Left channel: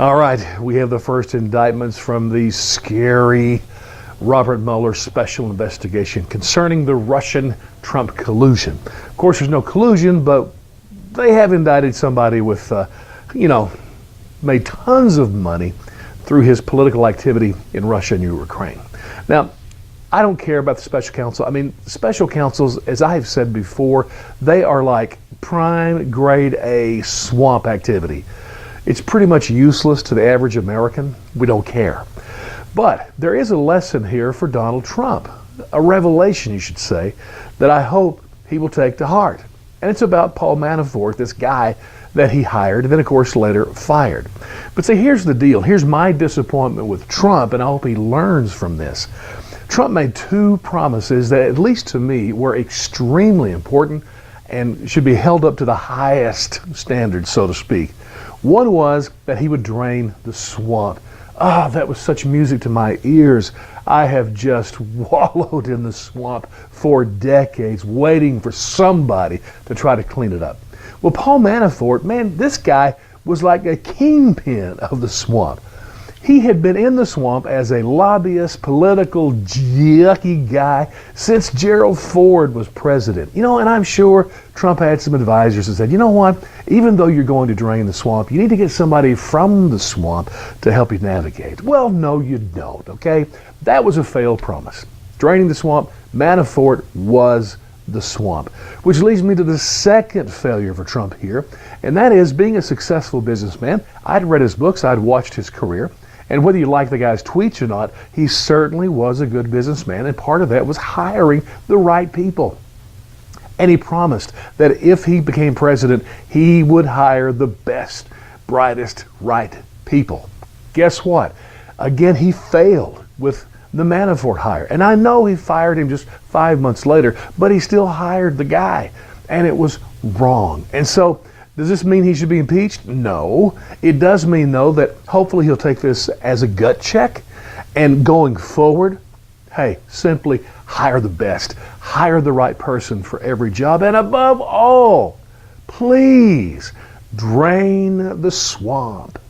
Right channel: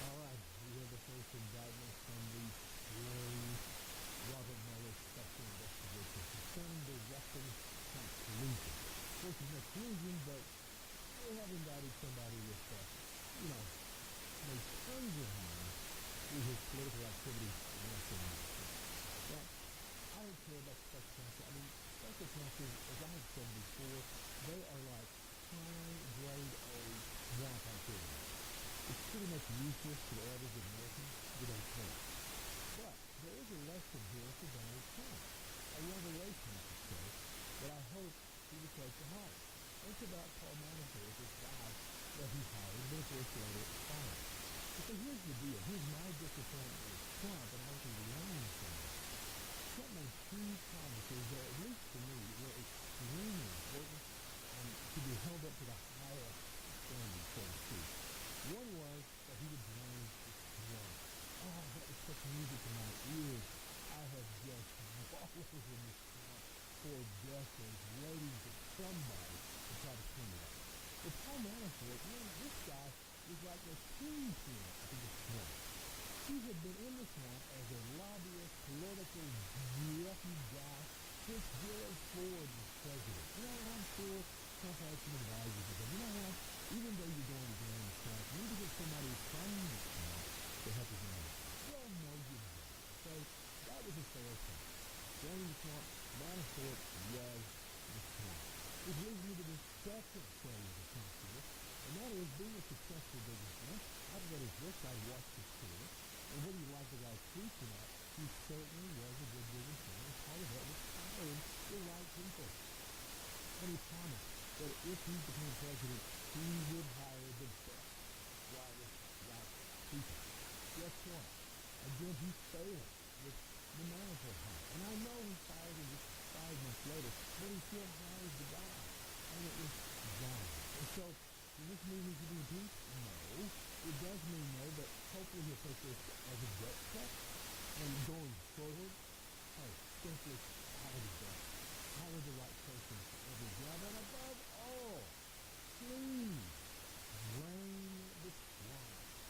All right, we have the first indictments from the scary Robert Mueller special investigation concerning the Russian-Trump collusion. Of course, there's no collusion, but they have indicted somebody with, made tons of money through his political activity in Russia and Ukraine. Now, I don't care about the special counsel. I mean, special counsels, as I have said before, they are like prime grade A swamp activity. It's pretty much useless to the average American. We don't care. But there is a lesson here for Donald Trump, a revelation, you should say, that I hope he will take to heart. And it's about Paul Manafort, this guy that he hired and then, of course, later fired. But see, here's the deal. Here's my disappointment with Trump, and I hope he learns from this. Trump made two promises that, at least to me, were extremely important and should be held up to the highest standards, so to speak. One was that he would drain the swamp. Ah, that was such music to my ears. I have just wallowed in the swamp for decades, waiting for somebody to try to clean it up. Well, Paul Manafort, man, this guy was like a kingpin of the swamp. He had been in the swamp as a lobbyist, political, yucky guy since Gerald Ford was president. And I'm sure Trump had some advisors that said, you know what, even though you're going to drain the swamp, you need to get somebody from the swamp to help you navigate. Well, no, you don't, okay? That was a failed promise. Draining the swamp, Manafort was the swamp. Which leads me to the second failure for Trump here, and that is being a successful businessman. I'd read his books, I'd watched his career. And whether you like the guy's tweets or not, he certainly was a good businessman, and part of that was hiring the right people. And he promised that if he became president, he would hire the best, brightest, right people. Guess what? Again, he failed with the Manafort hire. And I know he fired him just 5 months later, but he still hired the guy, and it was wrong. And so, does this mean he should be impeached? No. It does mean, though, that hopefully he'll take this as a gut check. And going forward, hey, simply hire the best. Hire the right person for every job. And above all, please drain the swamp.